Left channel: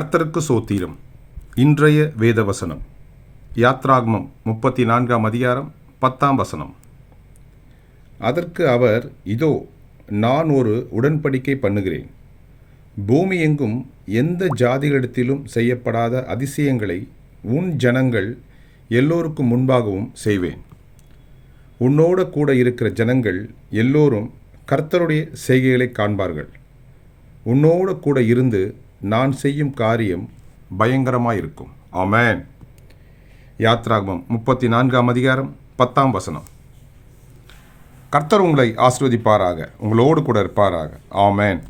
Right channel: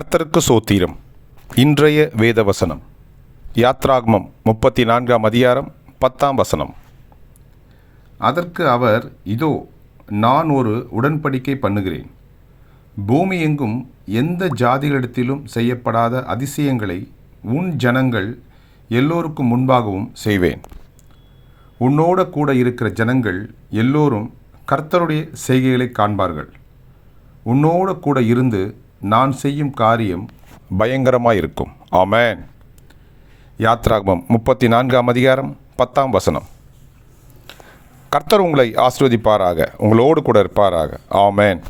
கர்த்தருக்கு சோத்திரம். இன்றைய வேத வசனம் யாத்ராகமம் 34ஆம் அதிகாரம் 10ஆம் வசனம். அதற்கு அவர், இதோ நான் ஒரு உடன்படிக்கை பண்ணுகிறேன். பூமி எங்கும் எந்த ஜாதிகளிடத்திலும் செய்யப்படாத அதிசயங்களை உன் ஜனங்கள் எல்லோருக்கும் முன்பாகவும் செய்வேன். உன்னோட கூட இருக்கிற ஜனங்கள் எல்லோரும் கர்த்தருடைய செய்கைகளை காண்பார்கள். உன்னோட கூட இருந்து நான் செய்யும் காரியம் பயங்கரமாயிருக்கும். ஆமென். யாத்ராகமம் 34ஆம் அதிகாரம் 10ஆம் வசனம். கர்த்தர் உங்களை ஆசீர்வதிப்பாராக, உங்களோடு கூட இருப்பாராக. ஆமென்.